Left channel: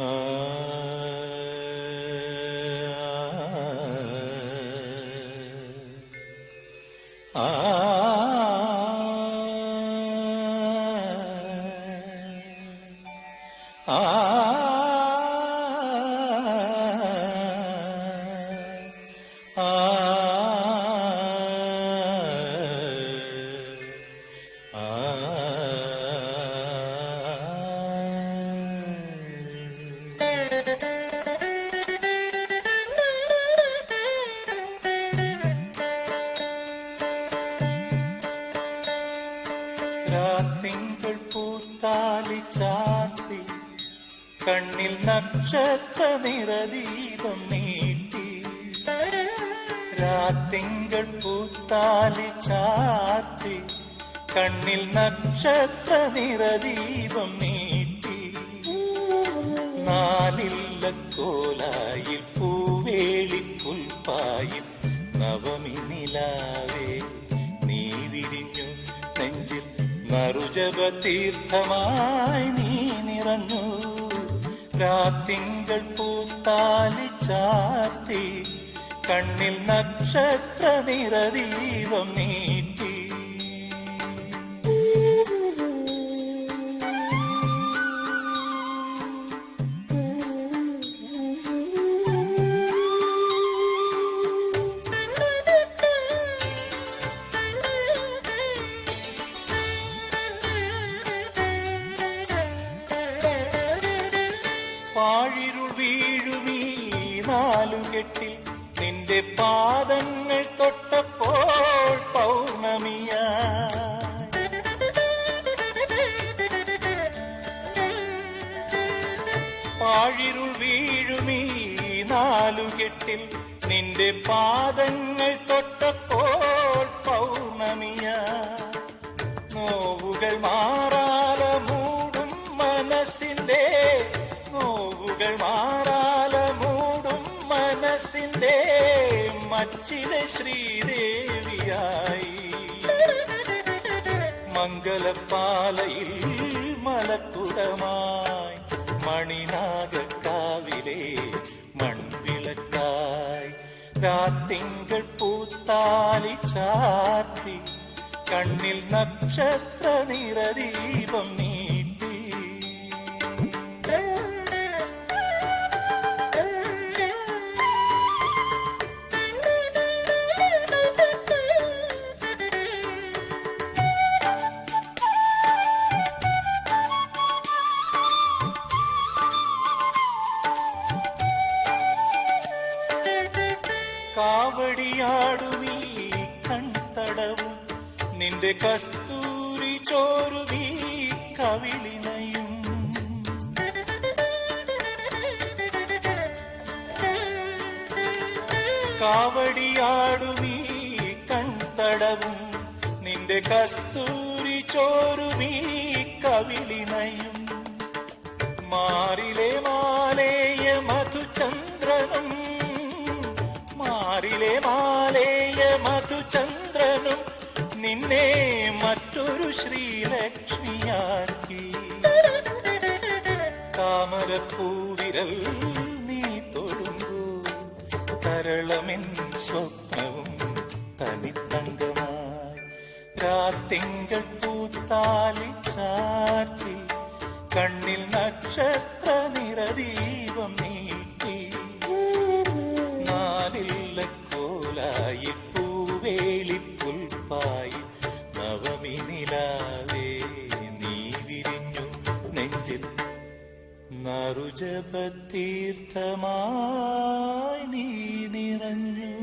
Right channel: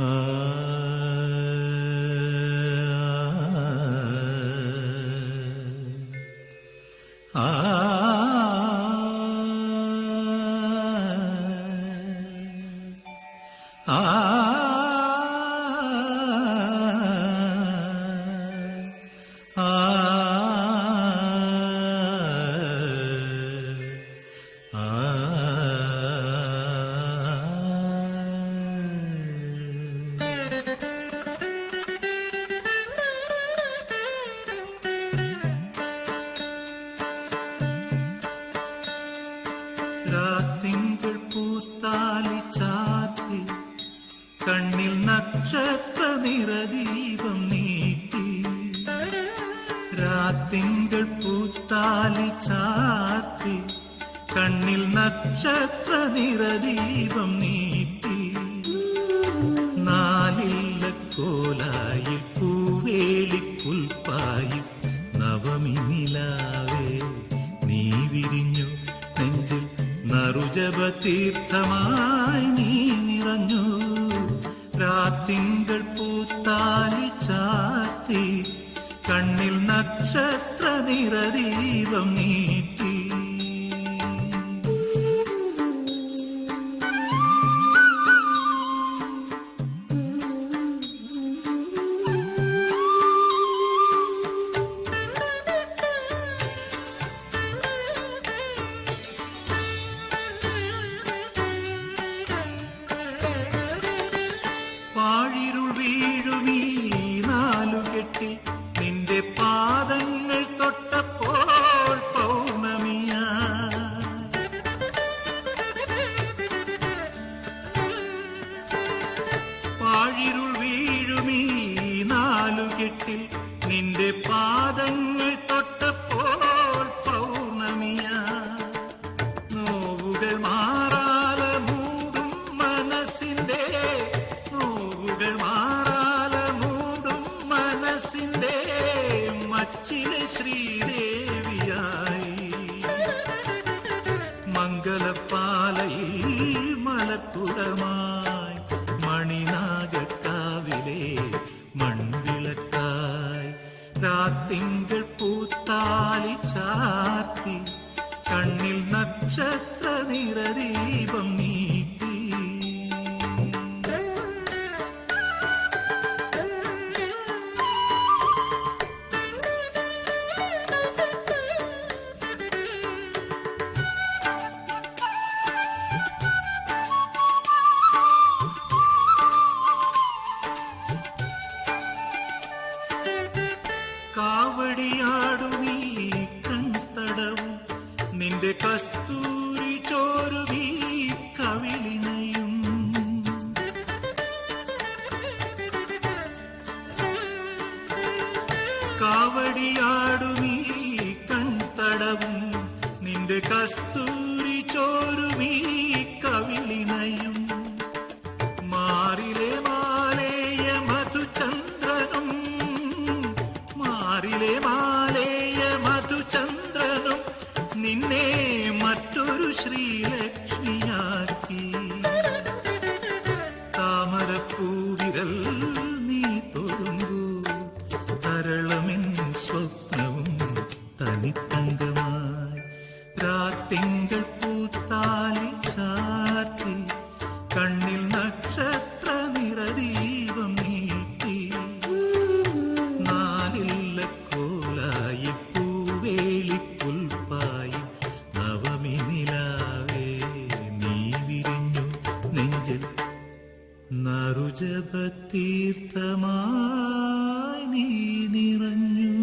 രാത്തിങ്കൾ നിറദീപം നീട്ടി. രാത്തിങ്കൾ പൂത്താലി ചാത്തി കണ്ണിൽ നക്ഷത്ര നിറദീപം നീട്ടി. നാലില്ല കോലായിൽ പൂവേളി പുൽപ്പായിൽ നവമി നിലാവേ നീ വിരിഞ്ഞു നെഞ്ചിൽ നറുജപ തീർത്ഥമായി നീ നിറഞ്ഞു. രാത്തിങ്കൾ പൂത്താലി ചാത്തി കണ്ണിൽ നക്ഷത്ര നിറദീപം നീട്ടി. വീഴുമീ നാലുകെട്ടിൽ നിന്റെ പാദങ്ങൾ തൊട്ടപ്പോൾ പൗർണമിയാ. പാഴിരുൾ വീഴുമീ നാലുകെട്ടിൽ നിന്റെ പാദങ്ങൾ മച്ചിലെ ശ്രീദേവിയായി. മംഗലപ്പാലയിൽ മലക്കുടമായി മണിനാഗക്കാവിലെ മൺവിളക്കായി രാത്തിങ്കൾ പൂത്താലി ചാർത്തി കണ്ണിൽ നക്ഷത്ര നിറദീപം നീട്ടി കാവടിയാടുമീ കൺതടവും. നിന്റെ കസ്തൂരി ചോരുമീ കവിളിനയും. കാവടിയാടുമീ കൺതടവും. നിന്റെ കസ്തൂരി ചോരുമീ കവിളിനയും. മാറിലെ മധുചന്ദ്രനും നിന്നെ മറ്റൊരു ശ്രീലക്ഷ്മിയാക്കി. താമരപ്പൂവിരൽ നീ തൊഴുമ്പൂ തരളമെൻ സ്വപ്നവും തനിത്തങ്കമായി. രാത്തിങ്കൾ പൂത്താലി നറുജപത്തീർത്ഥമായി നീ നിറഞ്ഞു